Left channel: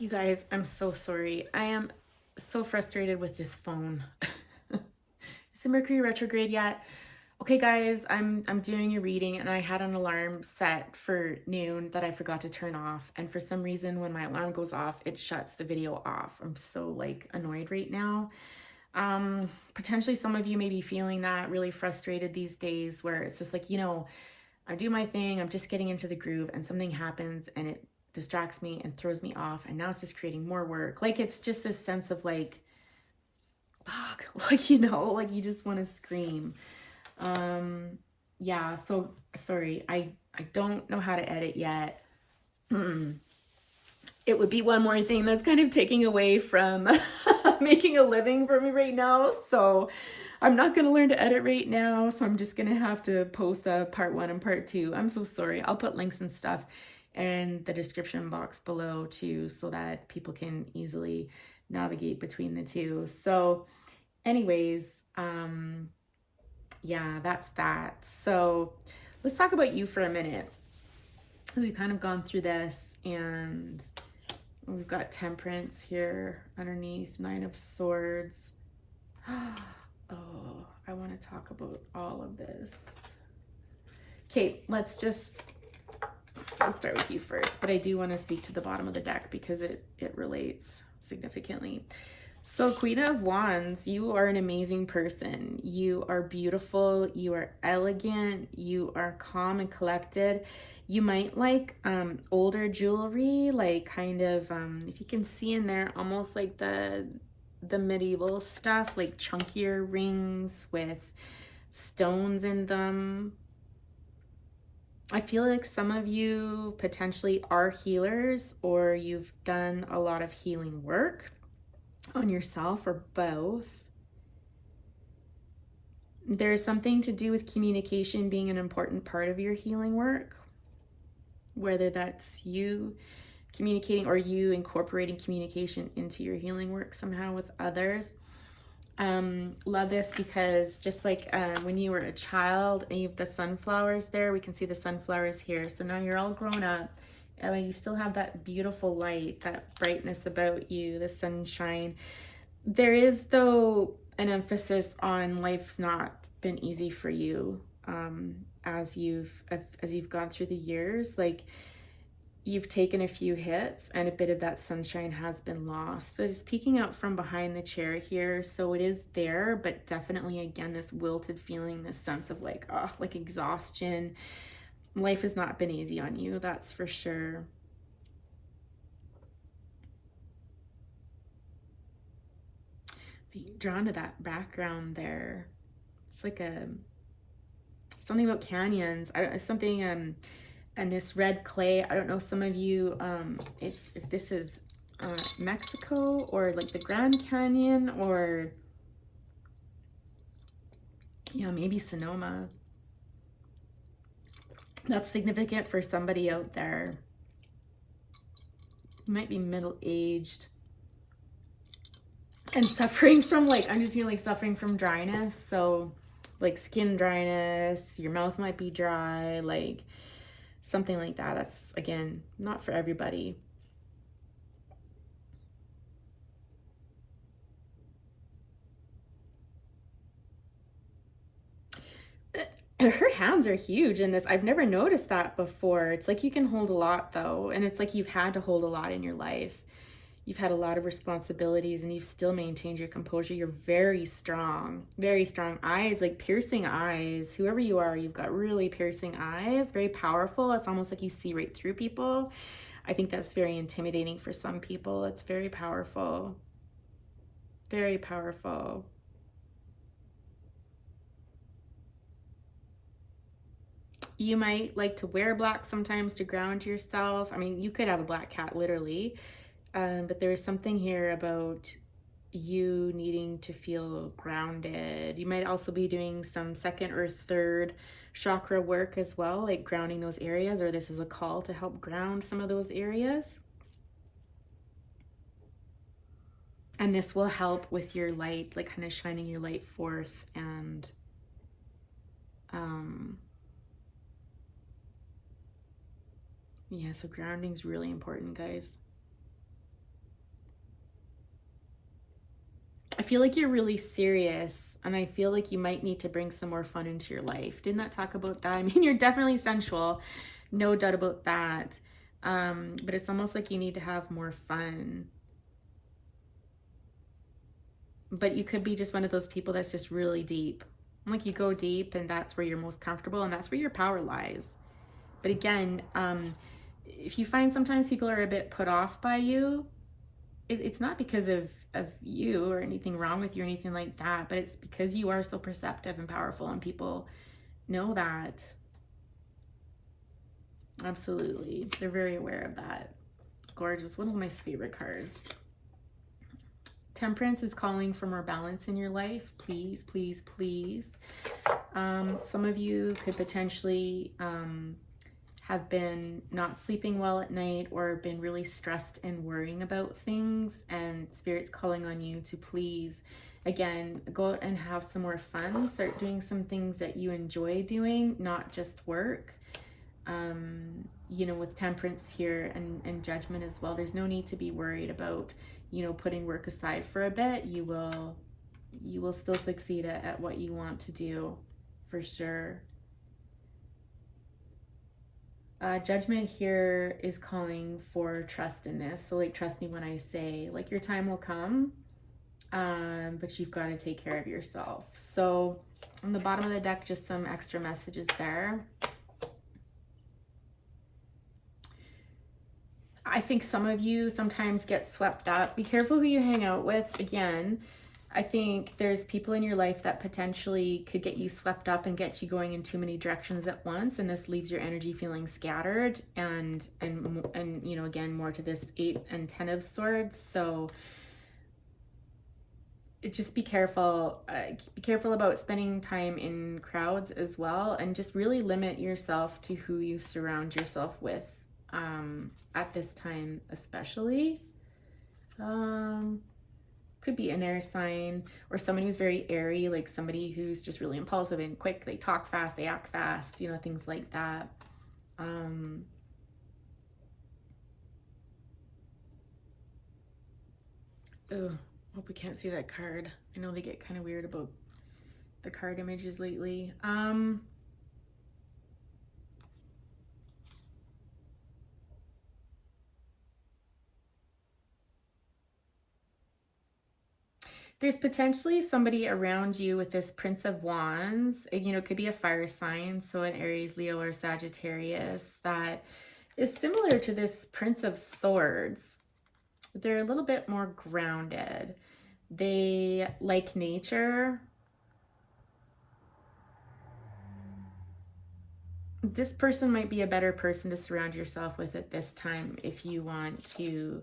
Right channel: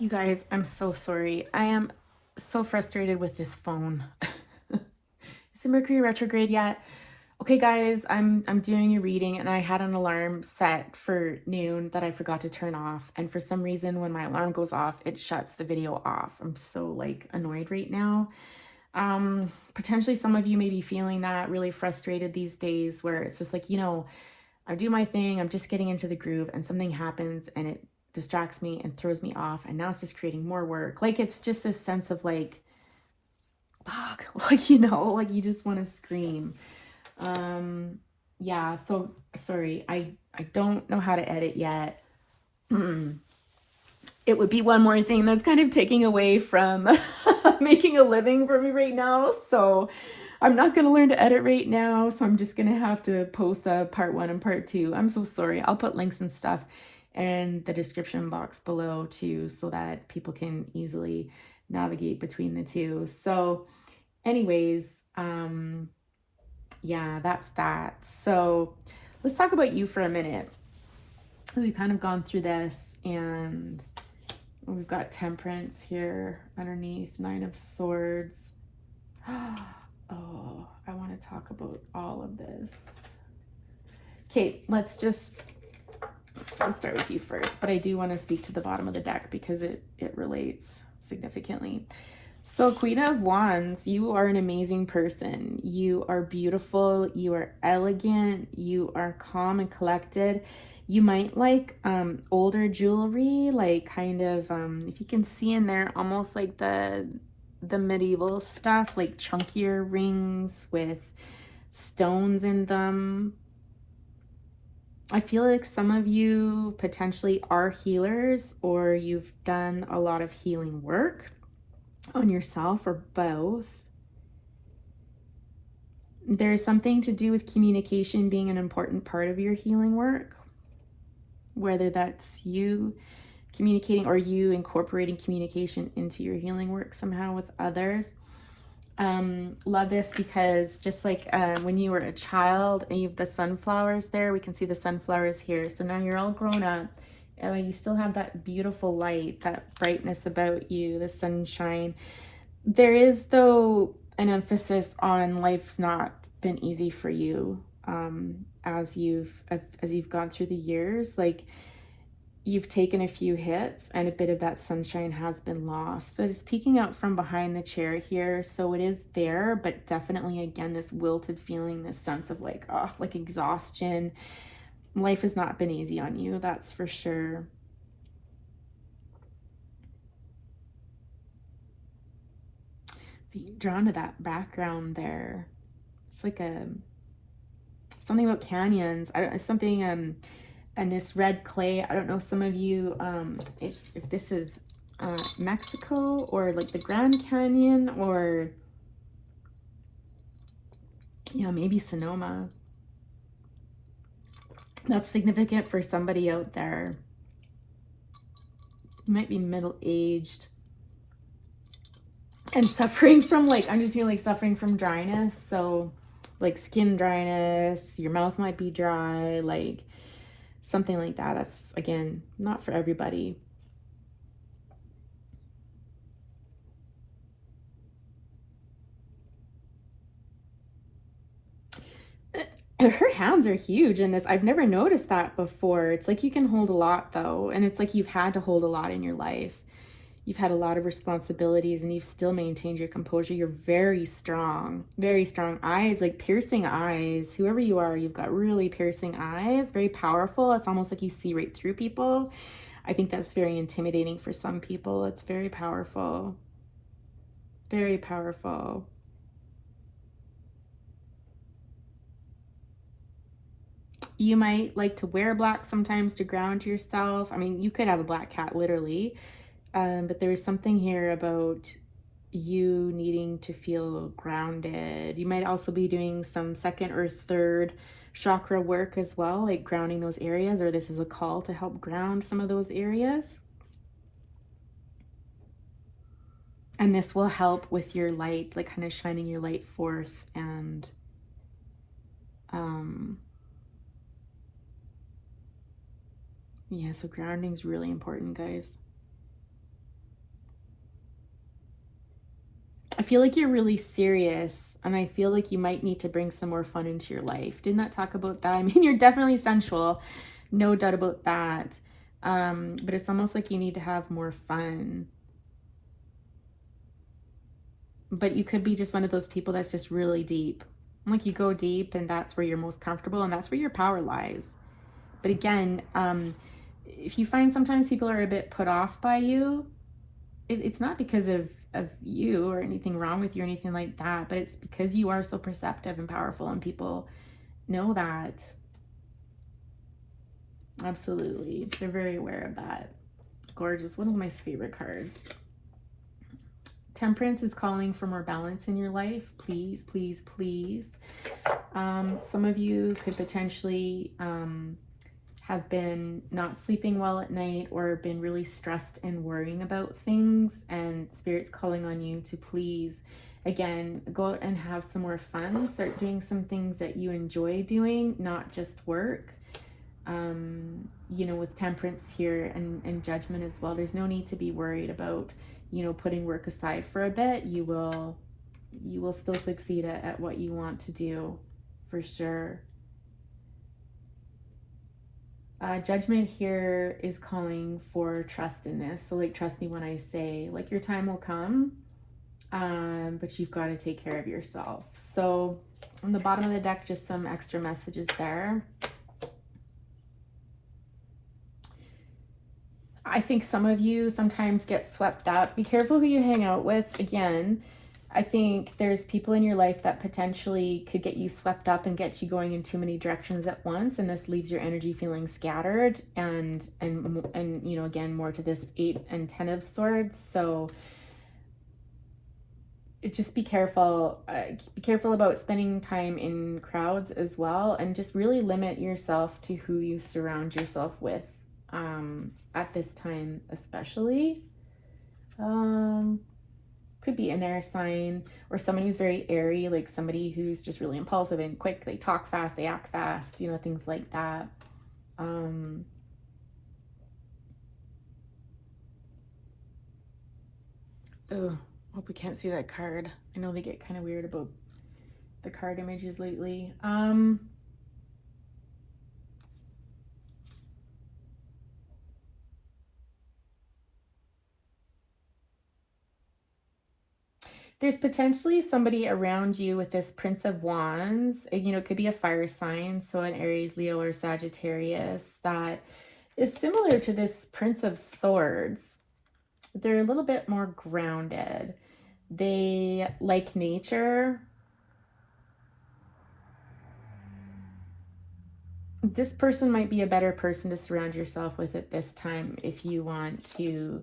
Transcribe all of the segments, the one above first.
You guys, I'm so sorry. I am so frustrated with this phone. Is it Mercury retrograde yet? Okay, guys, I'm doing a reading and I had an alarm set for noon that I forgot to turn off. And for some reason, when my alarm goes off, it shuts the video off. I'm so like annoyed right now. Potentially some of you may be feeling that, really frustrated these days, where it's just like, I do my thing, I'm just getting into the groove, and something happens and it distracts me and throws me off, and now it's just creating more work. Like, it's just this sense of like, fuck, like, like you just want to scream. Yeah, so sorry, I don't know how to edit yet. It would be one more thing that's kind of taking away from making a living for me right now. So I'm not going to learn to edit right now. So I'm just going to have to post a part 1 and part 2. I'm so sorry. I'll put links and stuff in the description box below too, so that people can easily navigate between the two. So anyways, yeah, that's that. So let's talk about you for a minute. We've kind of gone through this, and we've got Temperance here underneath, 9 of Swords. Oh, I want to talk about all of this. Okay, let's start with you first, but I do want to speak to the bottom of the deck because it relates significantly. So Queen of Wands, you are an amazing person. You are beautiful. You are elegant. You are calm and collected. You might like older jewelry, like kind of, if you can see in there, almost like the medieval stuff, like chunkier rings with stones in them. I feel like some of you potentially are healers, or you've done a lot of healing work on yourself, or both. There's something to do with communication being an important part of your healing work, whether that's you communicating or you incorporating communication into your healing work somehow with others. Love this because just like when you were a child and you have the sunflowers there, we can see the sunflowers here. So now you're all grown up and you still have that beautiful light, that brightness about you, the sunshine. There is, though, an emphasis on life's not been easy for you as you've gone through the years. Like, you've taken a few hits and a bit of that sunshine has been lost, but it's peeking out from behind the chair here. So it is there, but definitely, again, this wilted feeling, this sense of like, oh, like exhaustion. Life has not been easy on you, that's for sure. Drawn to that background there. It's like something about canyons. Something and this red clay. I don't know, some of you, if this is Mexico or like the Grand Canyon, or maybe Sonoma. That's significant for somebody out there. You might be middle-aged and suffering from, like, I'm just feeling like suffering from dryness. So like skin dryness, your mouth might be dry, like something like that. That's, again, not for everybody. Her hands are huge in this. I've never noticed that before. It's like you can hold a lot, though, and it's like you've had to hold a lot in your life. You've had a lot of responsibilities and you've still maintained your composure. You're very strong eyes, like piercing eyes. Whoever you are, you've got really piercing eyes, very powerful. It's almost like you see right through people. I think that's very intimidating for some people. It's very powerful. Very powerful. You might like to wear black sometimes to ground yourself. I mean, you could have a black cat, literally. But there's something here about you needing to feel grounded. You might also be doing some second or third chakra work as well, like grounding those areas, or this is a call to help ground some of those areas. And this will help with your light, like kind of shining your light forth. And yeah, so grounding is really important, guys. I feel like you're really serious, and I feel like you might need to bring some more fun into your life. Didn't that talk about that? I mean, you're definitely sensual, no doubt about that. But it's almost like you need to have more fun. But you could be just one of those people that's just really deep. Like you go deep, and that's where you're most comfortable, and that's where your power lies. But again, if you find sometimes people are a bit put off by you, it's not because of you or anything wrong with you or anything like that, but it's because you are so perceptive and powerful, and people know that. Absolutely. They're very aware of that. Gorgeous. One of my favorite cards. Temperance is calling for more balance in your life. Please, please, please. Some of you could potentially have been not sleeping well at night, or been really stressed and worrying about things, and Spirit's calling on you to please, again, go out and have some more fun. Start doing some things that you enjoy doing, not just work. You know, with Temperance here and Judgment as well, there's no need to be worried about, you know, putting work aside for a bit. You will still succeed at what you want to do, for sure. Judgment here is calling for trust in this. So like, trust me when I say, like, your time will come, but you've got to take care of yourself. So on the bottom of the deck, just some extra messages there. I think some of you sometimes get swept up. Be careful who you hang out with. Again, I think there's people in your life that potentially could get you swept up and get you going in too many directions at once, and this leaves your energy feeling scattered and you know, again, more to this 8 and 10 of swords. So just be careful. Be careful about spending time in crowds as well, and just really limit yourself to who you surround yourself with at this time, especially. Could be an air sign, or somebody who's very airy, like somebody who's just really impulsive and quick. They talk fast, they act fast, you know, things like that. Oh, hope we can't see that card. I know they get kind of weird about the card images lately. There's potentially somebody around you with this Prince of Wands. You know, it could be a fire sign, so an Aries, Leo, or Sagittarius, that is similar to this Prince of Swords. They're a little bit more grounded. They like nature. This person might be a better person to surround yourself with at this time if you want to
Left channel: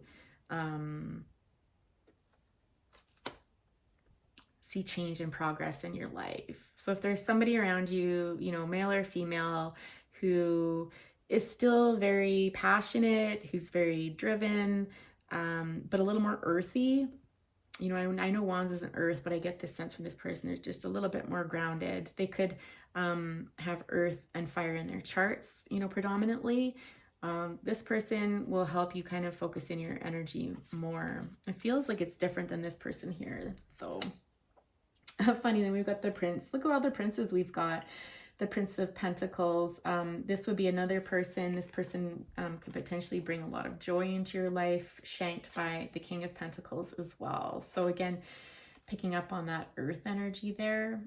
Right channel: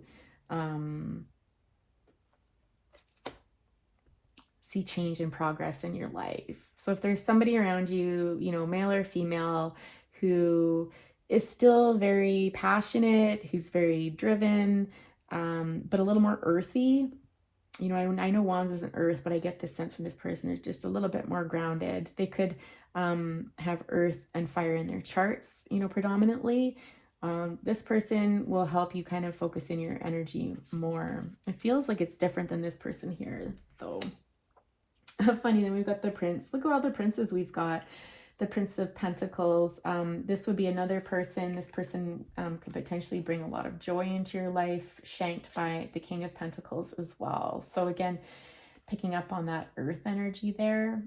see change and progress in your life. So if there's somebody around you, you know, male or female, who is still very passionate, who's very driven, but a little more earthy. You know, I know Wands isn't earth, but I get this sense from this person is just a little bit more grounded. They could have earth and fire in their charts, you know, predominantly. This person will help you kind of focus in your energy more. It feels like it's different than this person here, though. Funny, then we've got the Prince. Look at all the princes we've got. The Prince of Pentacles. This would be another person. This person could potentially bring a lot of joy into your life, shanked by the King of Pentacles as well. So again, picking up on that earth energy there.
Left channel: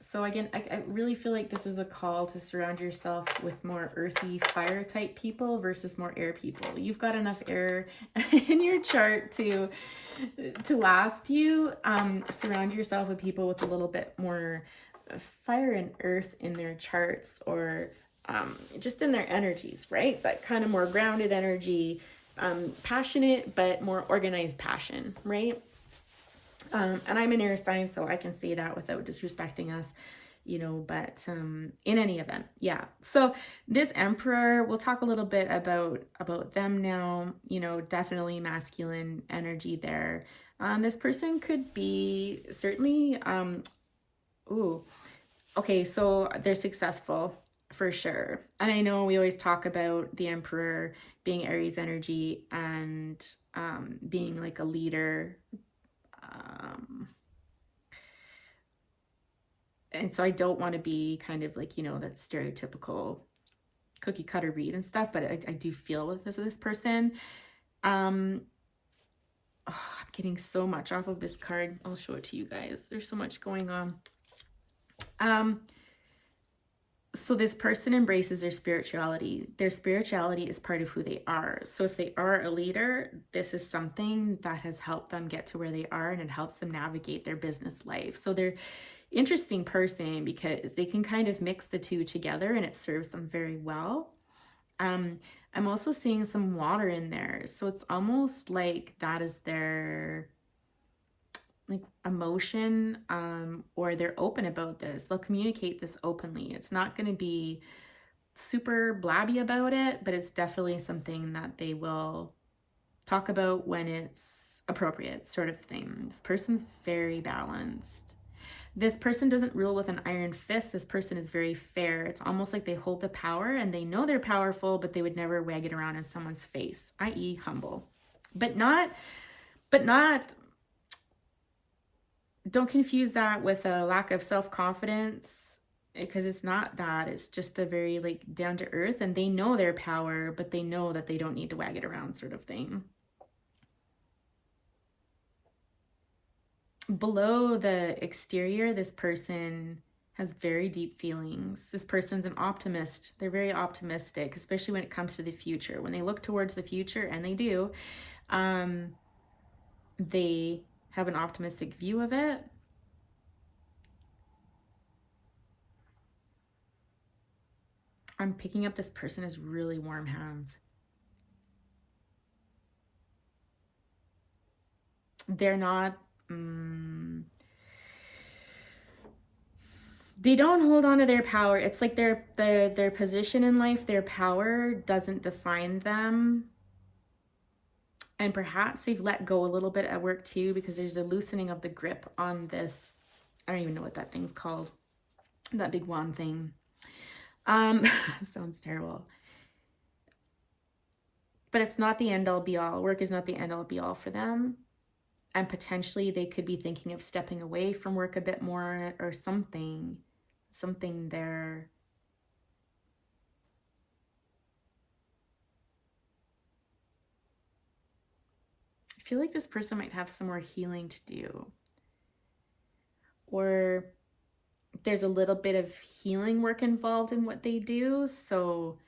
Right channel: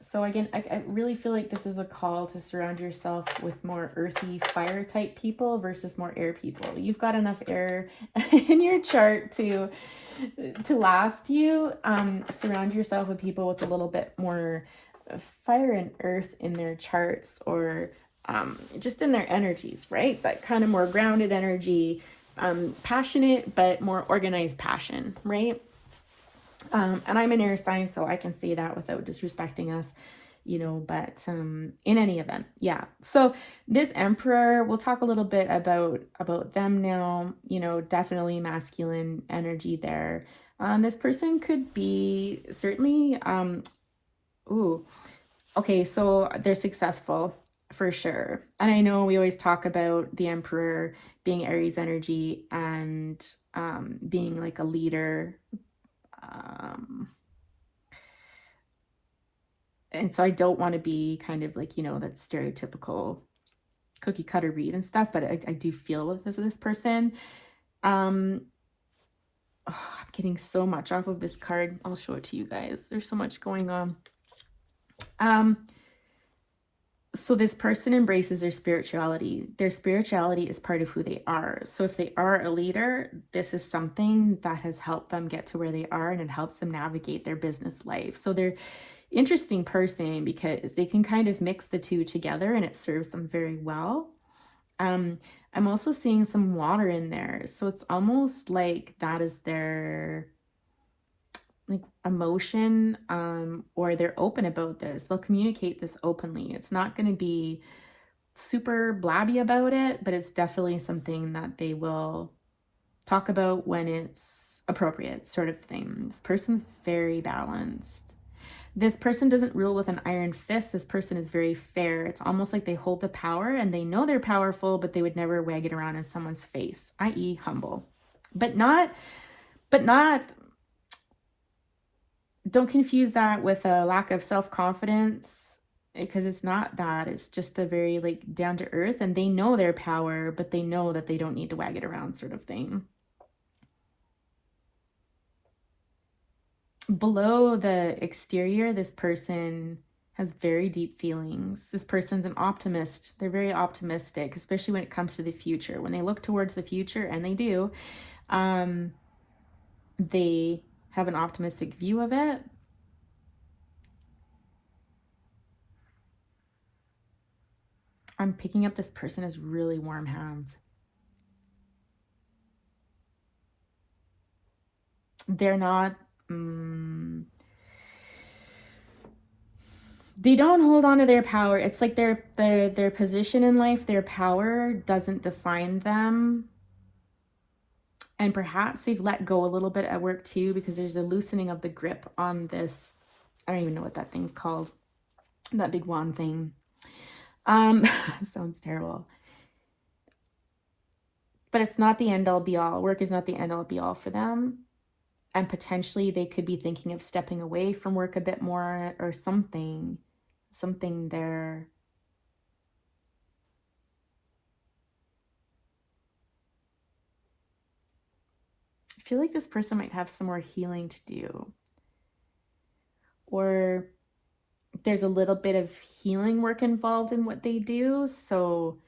So again, I really feel like this is a call to surround yourself with more earthy fire type people versus more air people. You've got enough air in your chart to last you. Surround yourself with people with a little bit more fire and earth in their charts, or just in their energies, right? That kind of more grounded energy, passionate, but more organized passion, right? And I'm an air sign, so I can say that without disrespecting us, you know, but in any event, yeah. So this Emperor, we'll talk a little bit about them now, you know, definitely masculine energy there. This person could be certainly, okay, so they're successful. for sure. And I know we always talk about the Emperor being Aries energy and being like a leader. And so I don't want to be kind of like, that stereotypical cookie cutter read and stuff, but I do feel with this person. I'm getting so much off of this card. I'll show it to you guys. There's so much going on. So this person embraces their spirituality. Their spirituality is part of who they are. So if they are a leader, this is something that has helped them get to where they are, and it helps them navigate their business life. So they're interesting person because they can kind of mix the two together and it serves them very well. I'm also seeing some water in there. So it's almost like that is their like emotion, or they're open about this. They'll communicate this openly. It's not going to be super blabby about it, but it's definitely something that they will talk about when it's appropriate, sort of thing. This person's very balanced. This person doesn't rule with an iron fist. This person is very fair. It's almost like they hold the power and they know they're powerful, but they would never wag it around in someone's face, i.e. humble. But not, don't confuse that with a lack of self-confidence, because it's not that. It's just a very like down to earth, and they know their power, but they know that they don't need to wag it around, sort of thing. Below the exterior, this person has very deep feelings. This person's an optimist. They're very optimistic, especially when it comes to the future. When they look towards the future, and they do, they have an optimistic view of it. I'm picking up this person has really warm hands. They're not, they don't hold on to their power. It's like their position in life, their power doesn't define them. And perhaps they've let go a little bit at work too, because there's a loosening of the grip on this. I don't even know what that thing's called. That big wand thing. Sounds terrible. But it's not the end all be all. Work is not the end all be all for them. And potentially they could be thinking of stepping away from work a bit more, or something there. I feel like this person might have some more healing to do. Or there's a little bit of healing work involved in what they do. So,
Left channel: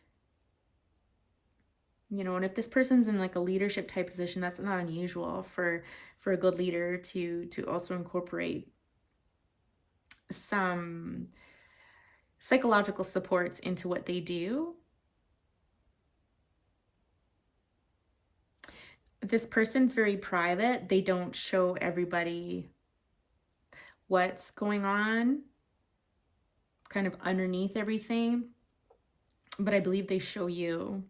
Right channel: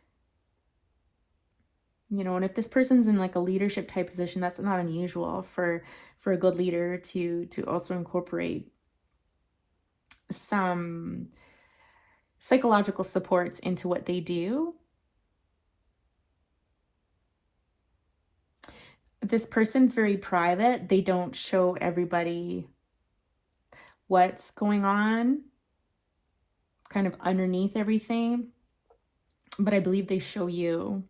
and if this person's in like a leadership type position, that's not unusual for a good leader to also incorporate some psychological supports into what they do. This person's very private. They don't show everybody what's going on kind of underneath everything, but I believe they show you,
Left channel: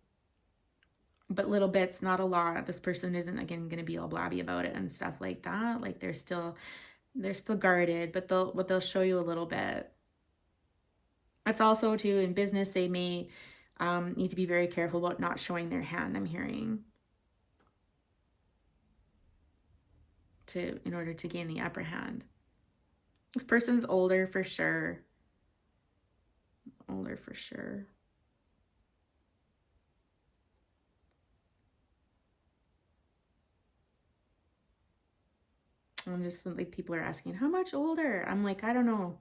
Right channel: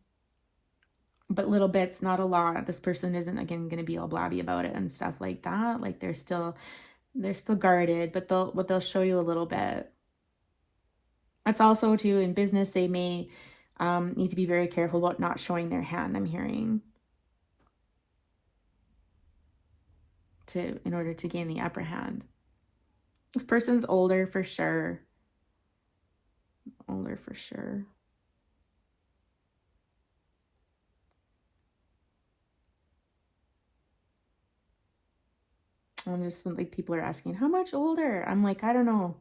but little bits, not a lot. This person isn't, again, going to be all blabby about it and stuff like that. Like they're still guarded, but they'll show you a little bit. It's also too, in business, they may need to be very careful about not showing their hand, I'm hearing, in order to gain the upper hand. This person's older for sure. Older for sure. I'm just like, people are asking, how much older? I'm like, I don't know.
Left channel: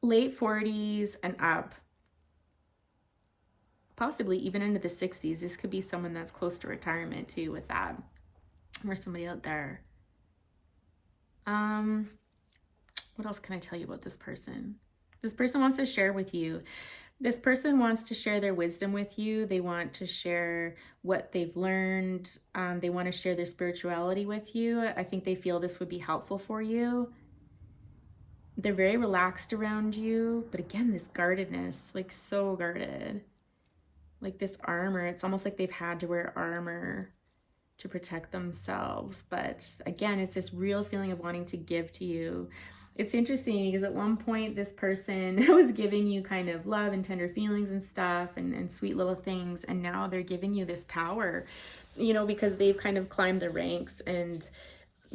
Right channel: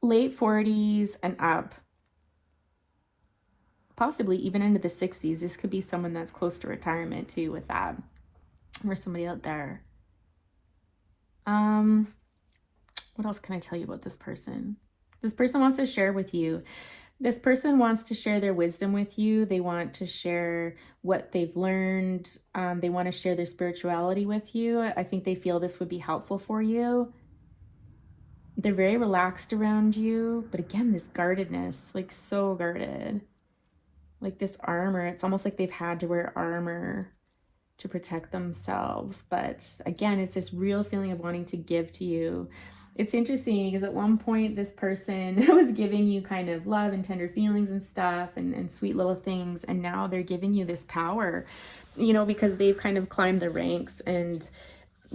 Late 40s and up. Possibly even into the 60s. This could be someone that's close to retirement too with that. Or somebody out there. What else can I tell you about this person? This person wants to share with you. This person wants to share their wisdom with you. They want to share what they've learned. They want to share their spirituality with you. I think they feel this would be helpful for you. They're very relaxed around you. But again, this guardedness, like so guarded. Like this armor. It's almost like they've had to wear armor to protect themselves. But again, it's this real feeling of wanting to give to you. It's interesting because at one point this person was giving you kind of love and tender feelings and stuff and sweet little things. And now they're giving you this power, because they've kind of climbed the ranks and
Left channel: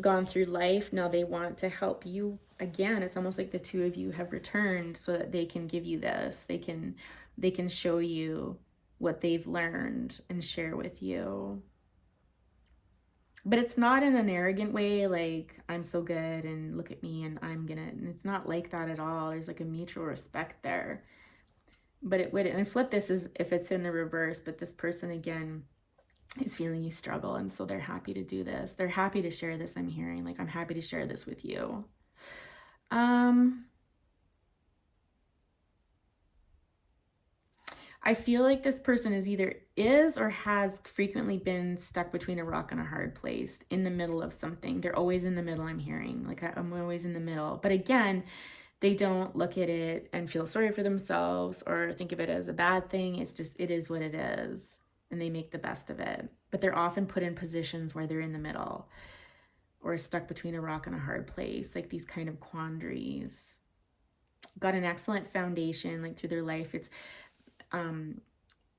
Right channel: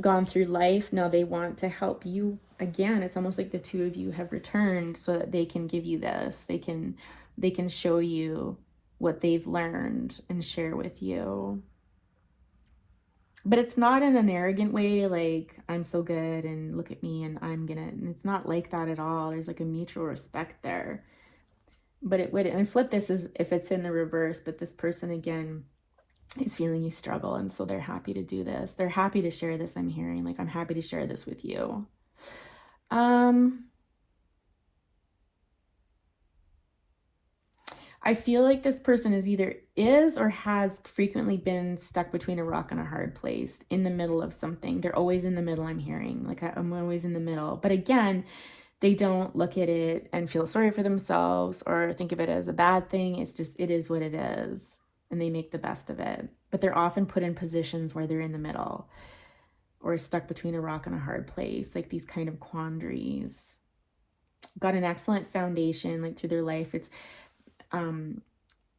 gone through life. Now they want to help you again. It's almost like the two of you have returned so that they can give you this. They can show you what they've learned and share with you. But it's not in an arrogant way, like, I'm so good and look at me and and it's not like that at all. There's like a mutual respect there. But it would, and flip this is if it's in the reverse, but this person again is feeling you struggle, and so they're happy to do this. They're happy to share this. I'm hearing, like, I'm happy to share this with you. I feel like this person is or has frequently been stuck between a rock and a hard place, in the middle of something. They're always in the middle, I'm hearing. Like, I'm always in the middle. But again, they don't look at it and feel sorry for themselves or think of it as a bad thing. It's just, it is what it is. And they make the best of it. But they're often put in positions where they're in the middle or stuck between a rock and a hard place, like these kind of quandaries. Got an excellent foundation, like, through their life. It's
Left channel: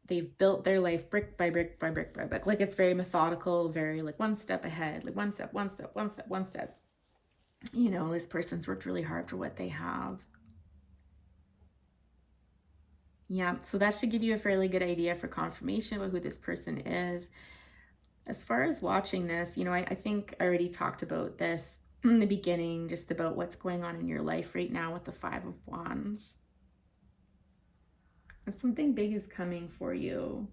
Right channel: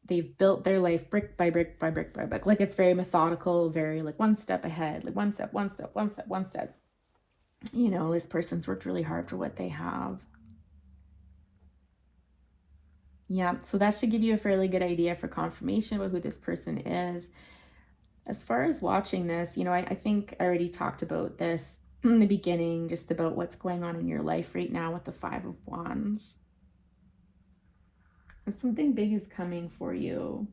they've built their life brick by brick by brick by brick. Like, it's very methodical, very like one step ahead, like one step. This person's worked really hard for what they have. Yeah, so that should give you a fairly good idea for confirmation about who this person is. As far as watching this, I think I already talked about this in the beginning, just about what's going on in your life right now with the Five of Wands. And something big is coming for you.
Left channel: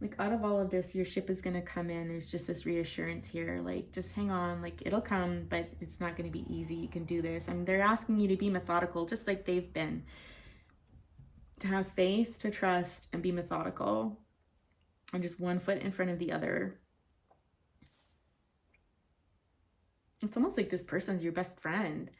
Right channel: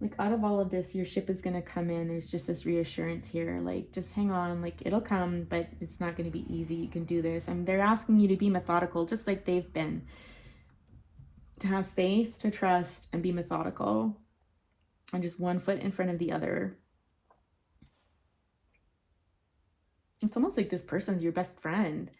Like, out of all of this, your ship is going to come in. There's just this reassurance here. Like, just hang on. Like, it'll come, but it's not going to be easy. You can do this. And they're asking you to be methodical, just like they've been. To have faith, to trust, and be methodical. And just one foot in front of the other. It's almost like this person's your best friend.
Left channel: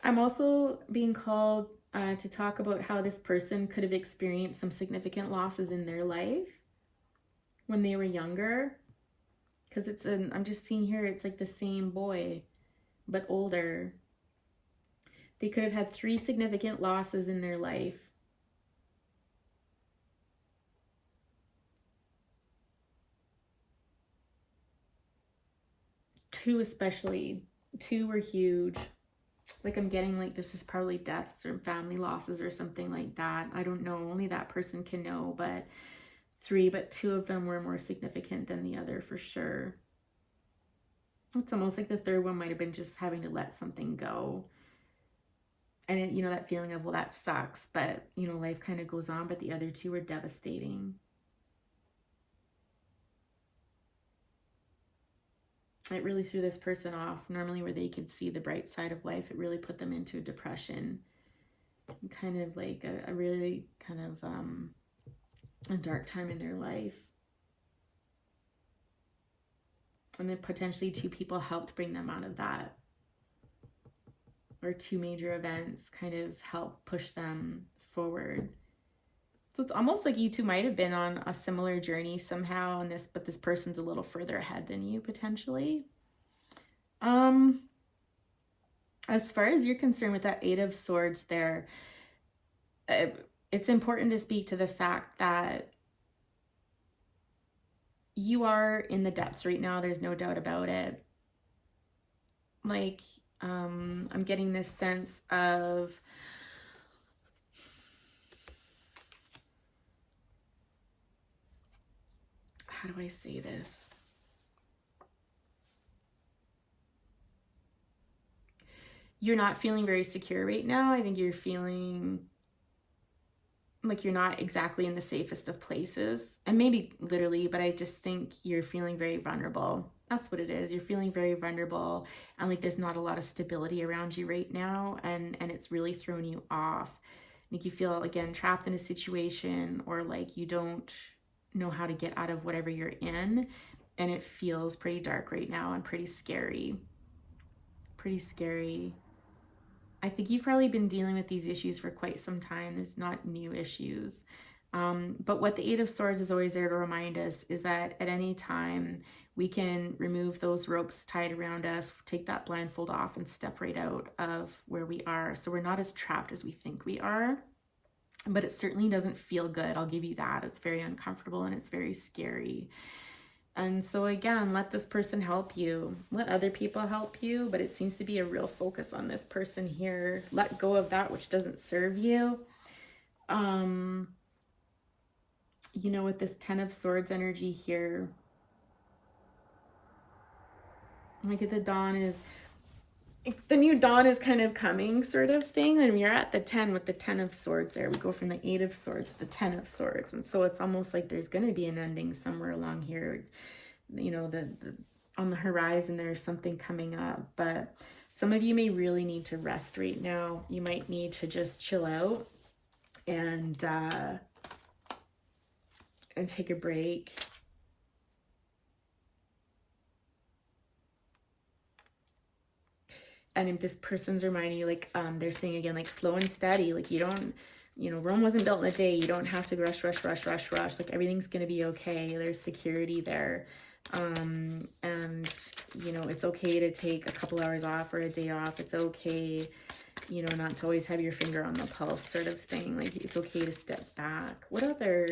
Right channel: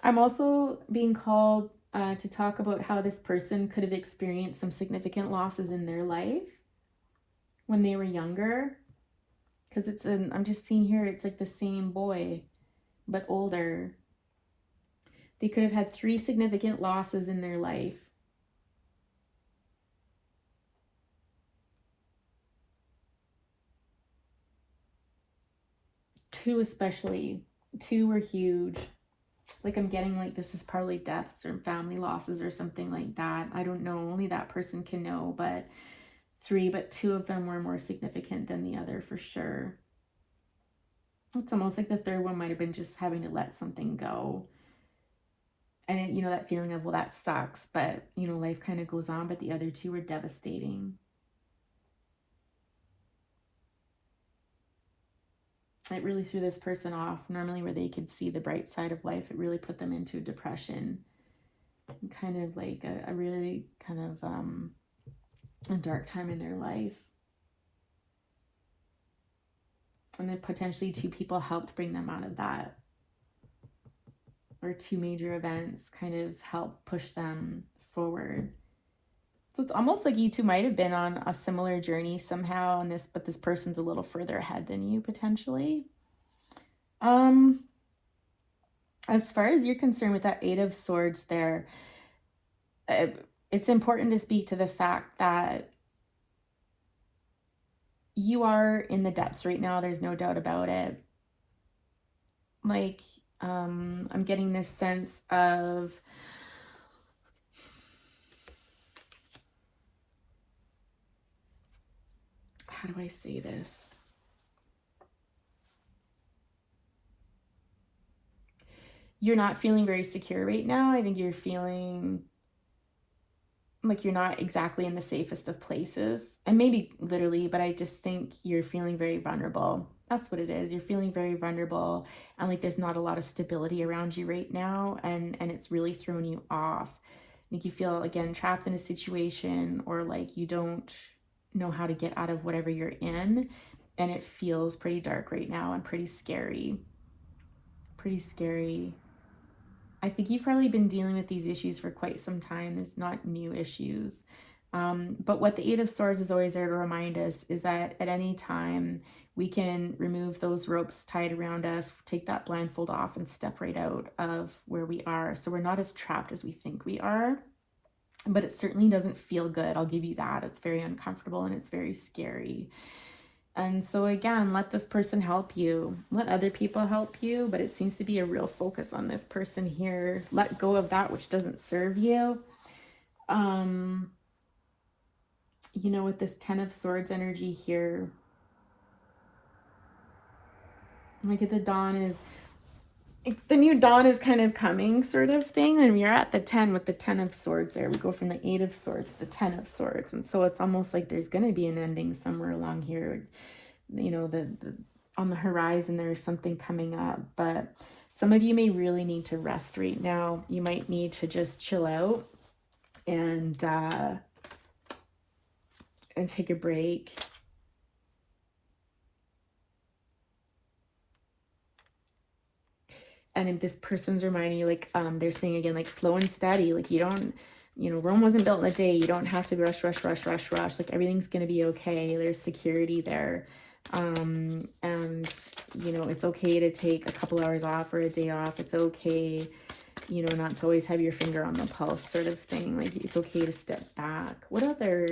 I'm also being called to talk about how this person could have experienced some significant losses in their life when they were younger. Because I'm just seeing here, it's like the same boy, but older. They could have had 3 significant losses in their life. 2 especially. 2 were huge. Like, I'm getting like this is probably deaths or family losses or something like that. I don't know. Only that person can know. But 3, but 2 of them were more significant than the other for sure. It's almost like the third one might have been just having to let something go. And it, that feeling of, well, that sucks. But, life kind of goes on. But the other 2 were devastating. It really threw this person off. Normally where they could see the bright side of life, it really put them into depression. Kind of like a really kind of a dark time in their life. And then potentially 2 people helped bring them out of that. Or 2 major events kind of helped push them forward. So it's almost like you 2 might have been on a similar journey somehow, but this person's a little further ahead than you potentially. As far as you're concerned with that 8 of Swords there, it's important to speak to the fact that you are in the depths right now. There's no doubt about it. Like, I'm getting this sense of how do I say this? You're not feeling very secure right now. I think you're feeling like you're not exactly in the safest of places. And maybe literally, but I just think you're feeling very vulnerable. That's what it is. You're feeling very vulnerable and like there's not a lot of stability around you right now. And it's really thrown you off. Like you feel, again, trapped in a situation or like you don't know how to get out of whatever you're in. And it feels pretty dark right now and pretty scary. Pretty scary. I think you've probably been dealing with these issues for quite some time. It's not new issues. But what the 8 of Swords is always there to remind us is that at any time we can remove those ropes tied around us, take that blindfold off, and step right out of where we are. So we're not as trapped as we think we are, but it certainly doesn't feel good. I'll give you that. It's very uncomfortable and it's very scary. And so again, let this person help you. Let other people help you, but it seems to be a real focus on this person here. Let go of that which doesn't serve you. You know, with this Ten of Swords energy here, like at the dawn is, the new dawn is kind of coming sort of thing. And we're at the 10 with the 10 of Swords there. We go from the 8 of Swords to the 10 of Swords. And so it's almost like there's going to be an ending somewhere along here. You know, on the horizon, there's something coming up. But some of you may really need to rest right now. You might need to just chill out and take a break. And if this person's reminding you, like, they're saying again, like, slow and steady, like, you don't, you know, Rome wasn't built in a day. You don't have to rush. Like, everything's going to be okay. There's security there. And, you know, it's okay to take a couple hours off or a day off. It's okay, you know, not to always have your finger on the pulse sort of thing. Like, it's okay to step back. What other,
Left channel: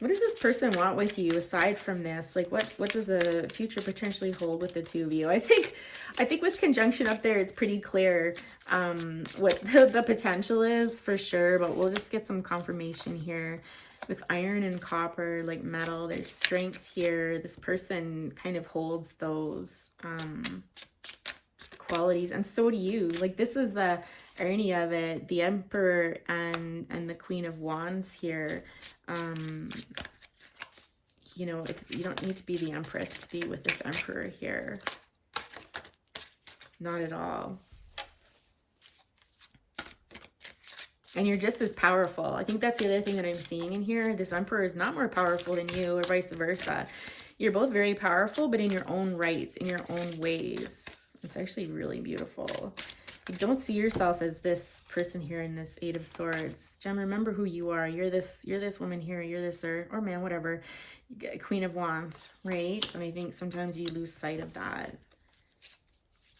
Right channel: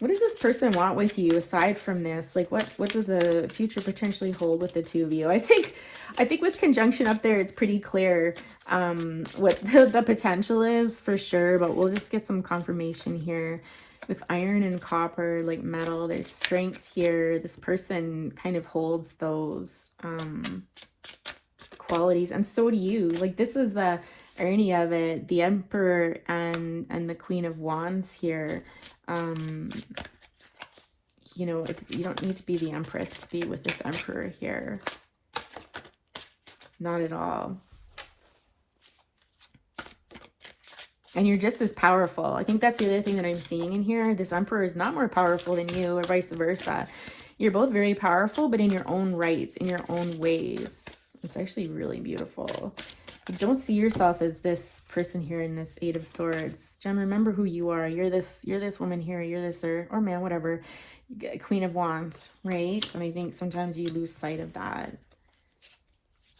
what does this person want with you aside from this? Like, what does a future potentially hold with the two of you? I think with conjunction up there, it's pretty clear what the potential is for sure, but we'll just get some confirmation here. With iron and copper, like metal, there's strength here. This person kind of holds those qualities, and so do you. Like, this is the irony of it. The Emperor and the Queen of Wands here. You know, you don't need to be the Empress to be with this Emperor here. Not at all. And you're just as powerful. I think that's the other thing that I'm seeing in here. This Emperor is not more powerful than you, or vice versa. You're both very powerful, but in your own rights, in your own ways. It's actually really beautiful. But don't see yourself as this person here in this 8 of Swords. Gem, remember who you are. You're this woman here. You're this, or man, whatever. Queen of Wands, right? And I think sometimes you lose sight of that.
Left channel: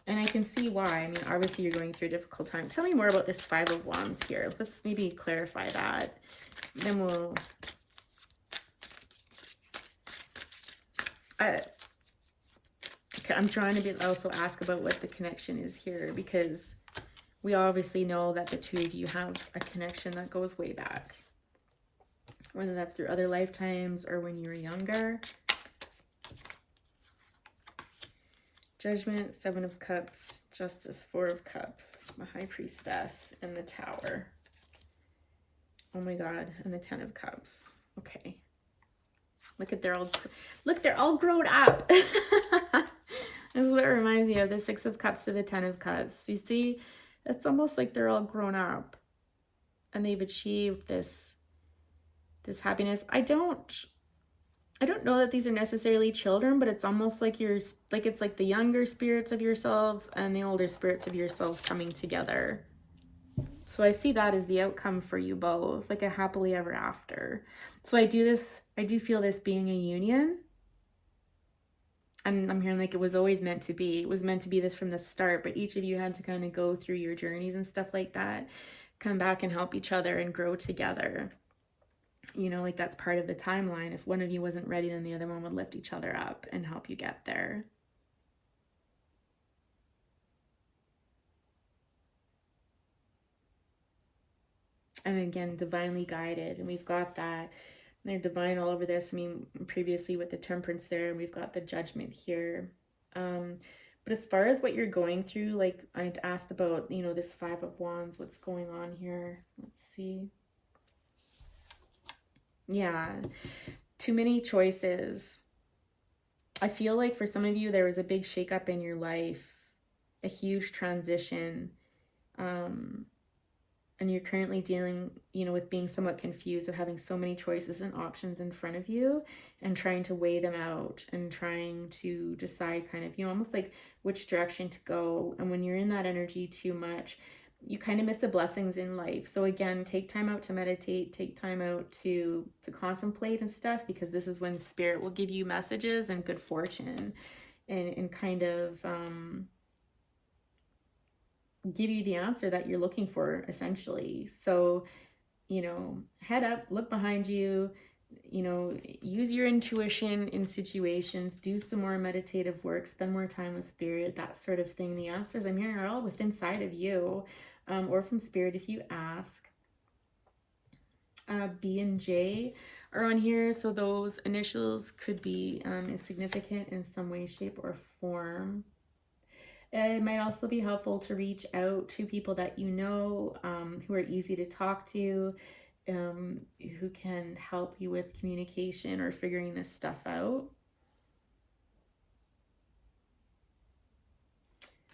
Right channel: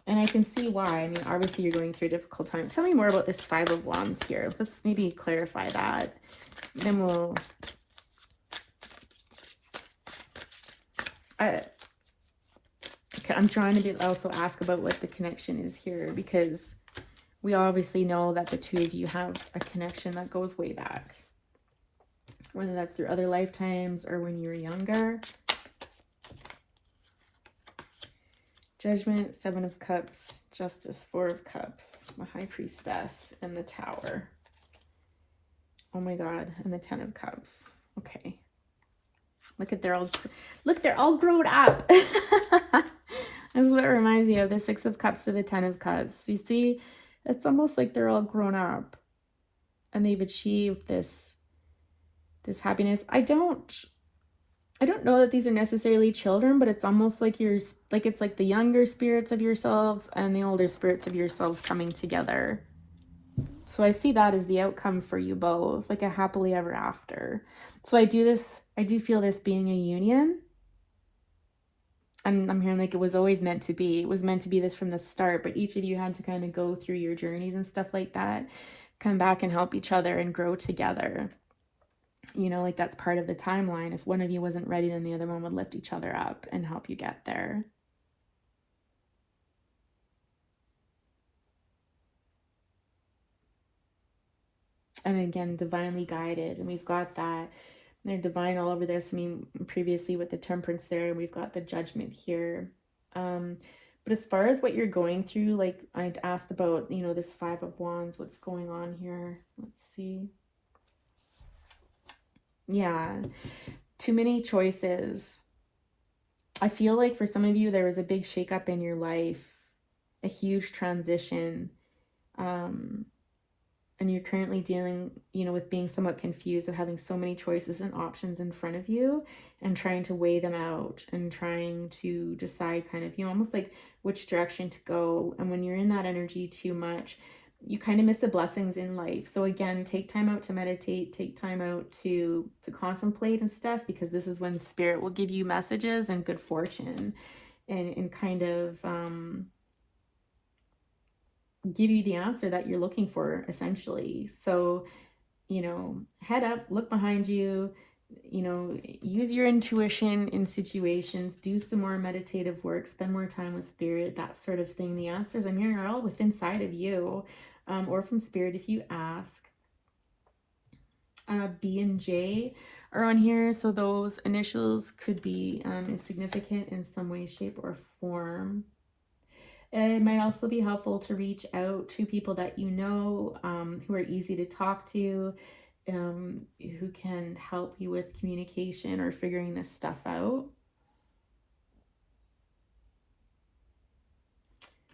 And I can see why. I mean, obviously you're going through a difficult time. Tell me more about this 5 of Wands here. Let's maybe clarify that. Then we'll... okay, I'm trying to also ask about what the connection is here, because we obviously know that the two of you have a connection that goes way back. Whether that's through other lifetimes or when you were younger. Judgment, 7 of Cups, Justice, 4 of Cups, the High Priestess, and the Tower. Oh my God, and the 10 of Cups. Okay. They're all grown up. This is what reminds me of the 6 of Cups to the 10 of Cups. You see, it's almost like they're all grown up and they've achieved this happiness. I don't know that these are necessarily children, but it's almost like it's like the younger spirits of yourselves and the older spirits of yourselves coming together. So I see that as the outcome for you both, like a happily ever after. So I do feel this being a union. And I'm hearing like it was always meant to be. It was meant to be this from the start, but each of you had to kind of go through your journeys and stuff like that, come back and help each other and grow together. You know, like that's part of the timeline. If one of you wasn't ready, then the other one would lift each other up and help you get there. And again, divinely guided. And we've got that. They're divine all over this. I mean, previously with the Temperance there, and we've got the Judgment here. But as far as what you're going through, like I'd asked about, you know, this 5 of Wands, what's going on here? Let's see. Yeah, too many choices. I feel like for some of you, there was a big shakeup in your life, a huge transition. And you're currently dealing, you know, with being somewhat confused of having so many choices and options in front of you and trying to weigh them out and trying to decide kind of, you know, almost like which direction to go. And when you're in that energy too much, you kind of miss the blessings in life. So again, take time out to meditate, take time out to contemplate and stuff, because this is when spirit will give you messages and good fortune, and kind of give you the answer that you're looking for, essentially. So, you know, head up, look behind you, you know, use your intuition in situations, do some more meditative work, spend more time with spirit, that sort of thing. The answers I'm hearing are all within inside of you, or from spirit if you ask. B and J are on here, so those initials could be significant in some way, shape, or form. It might also be helpful to reach out to people that you know, who are easy to talk to, who can help you with communication or figuring this stuff out.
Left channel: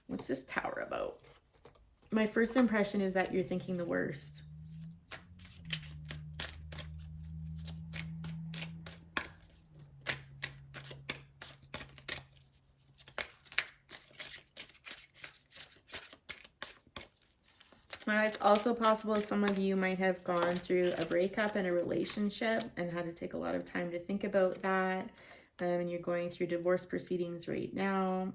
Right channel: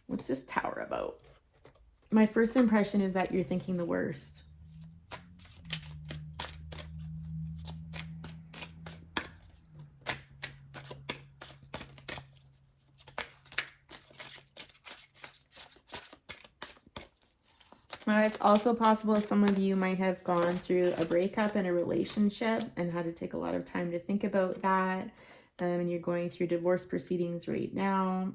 What's this tower about? My first impression is that you're thinking the worst. It's also possible some of you might have gone through a breakup in a relationship and had to take a lot of time to think about that. And you're going through divorce proceedings right now,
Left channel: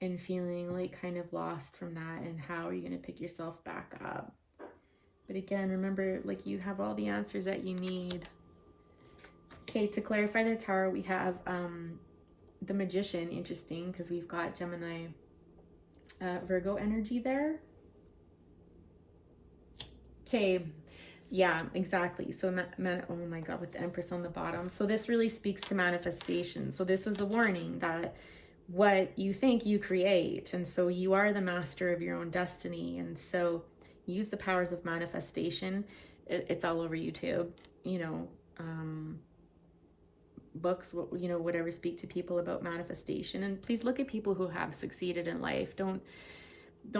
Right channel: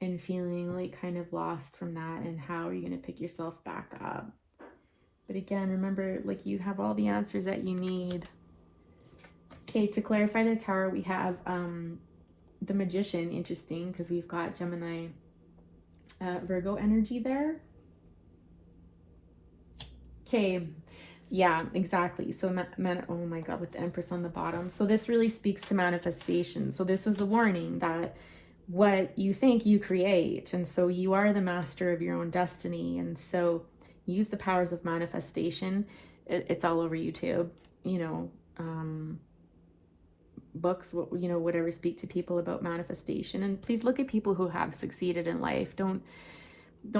and feeling like kind of lost from that, and how are you going to pick yourself back up. But again, remember, like, you have all the answers that you need. Okay, to clarify the tower, we have the Magician. Interesting, because we've got Gemini, Virgo energy there. Okay, yeah, exactly. So, oh my God, with the Empress on the bottom. So this really speaks to manifestation. So this is a warning that what you think, you create. And so you are the master of your own destiny. And so use the powers of manifestation. It's all over YouTube, you know, books, you know, whatever, speak to people about manifestation. And please look at people who have succeeded in life. Don't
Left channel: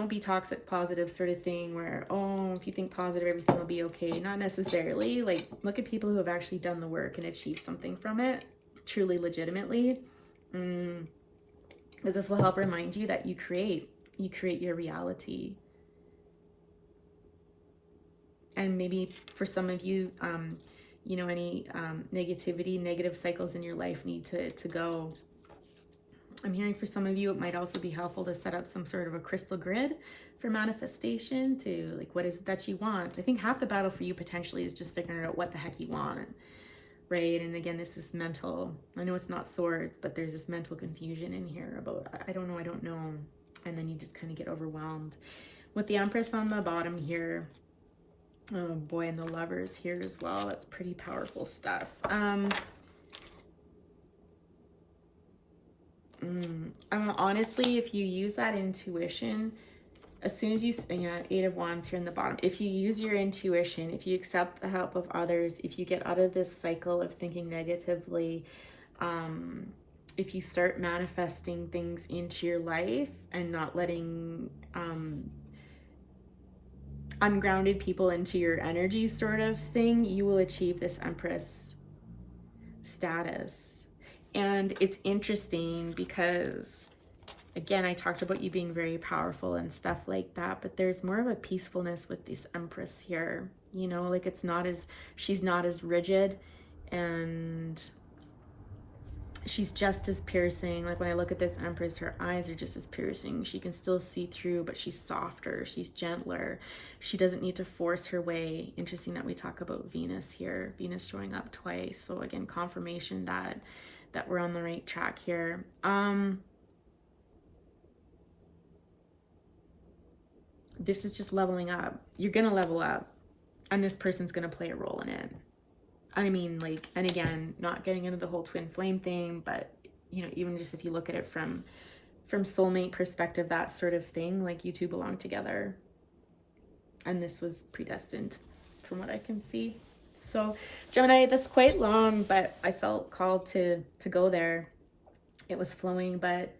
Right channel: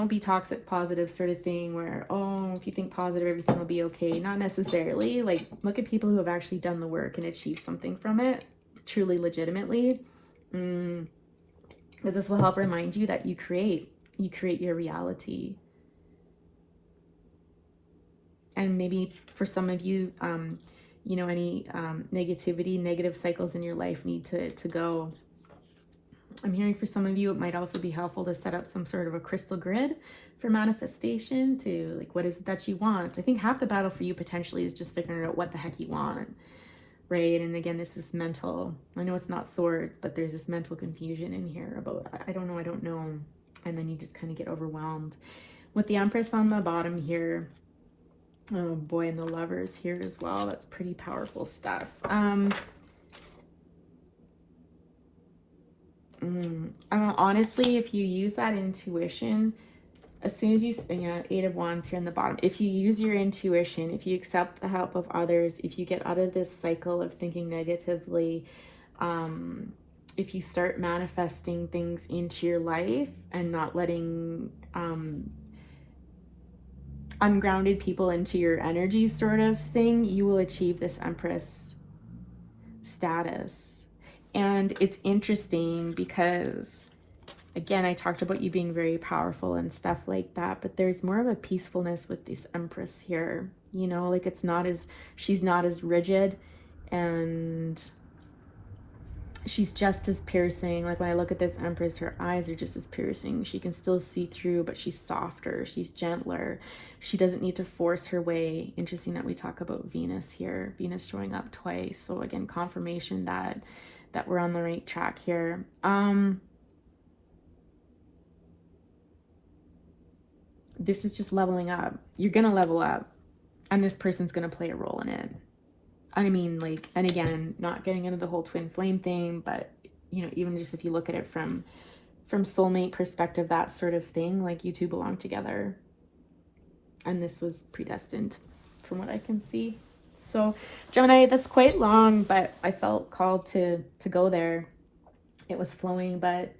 be toxic positive sort of thing where, oh, if you think positive, everything will be okay. Not necessarily. Like, look at people who have actually done the work and achieved something from it, truly, legitimately. Because this will help remind you that you create your reality. And maybe for some of you, you know, any negativity, negative cycles in your life need to go. I'm hearing for some of you, it might also be helpful to set up some sort of a crystal grid for manifestation, to like, what is it that you want? I think half the battle for you potentially is just figuring out what the heck you want, right? And again, this is mental. I know it's not swords, but there's this mental confusion in here about, I don't know. And then you just kind of get overwhelmed. With the Empress on the bottom here, oh boy, and the Lovers here as well. That's pretty powerful stuff. Honestly, if you use that intuition, as soon as you, yeah, Eight of Wands here in the bottom, if you use your intuition, if you accept the help of others, if you get out of this cycle of thinking negatively, if you start manifesting things into your life and not letting ungrounded people into your energy sort of thing, you will achieve this Empress status. And it's interesting because, again, I talked about you being very powerful and stuff like that, but there's more of a peacefulness with this Empress here, you know, like she's not as rigid, and she's just as piercing. Like, when I look at this Empress, her eyes are just as piercing. She can still see through, but she's softer, she's gentler. She doesn't need to force her way. Interesting that we talk about Venus here, Venus showing up twice. So again, confirmation that we're on the right track here. This is just leveling up. You're gonna level up, and this person's gonna play a role in it. I mean, like, and again, not getting into the whole twin flame thing, but you know, even just if you look at it from soulmate perspective, that sort of thing, like, you two belong together, and this was predestined from what I can see. So Gemini, that's quite long, but I felt called to go there. It was flowing, but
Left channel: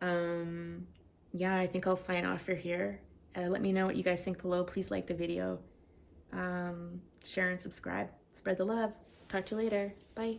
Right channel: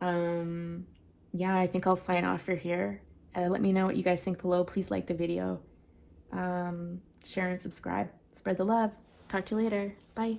yeah, I think I'll sign off for here. Let me know what you guys think below. Please like the video, share and subscribe. Spread the love. Talk to you later. Bye.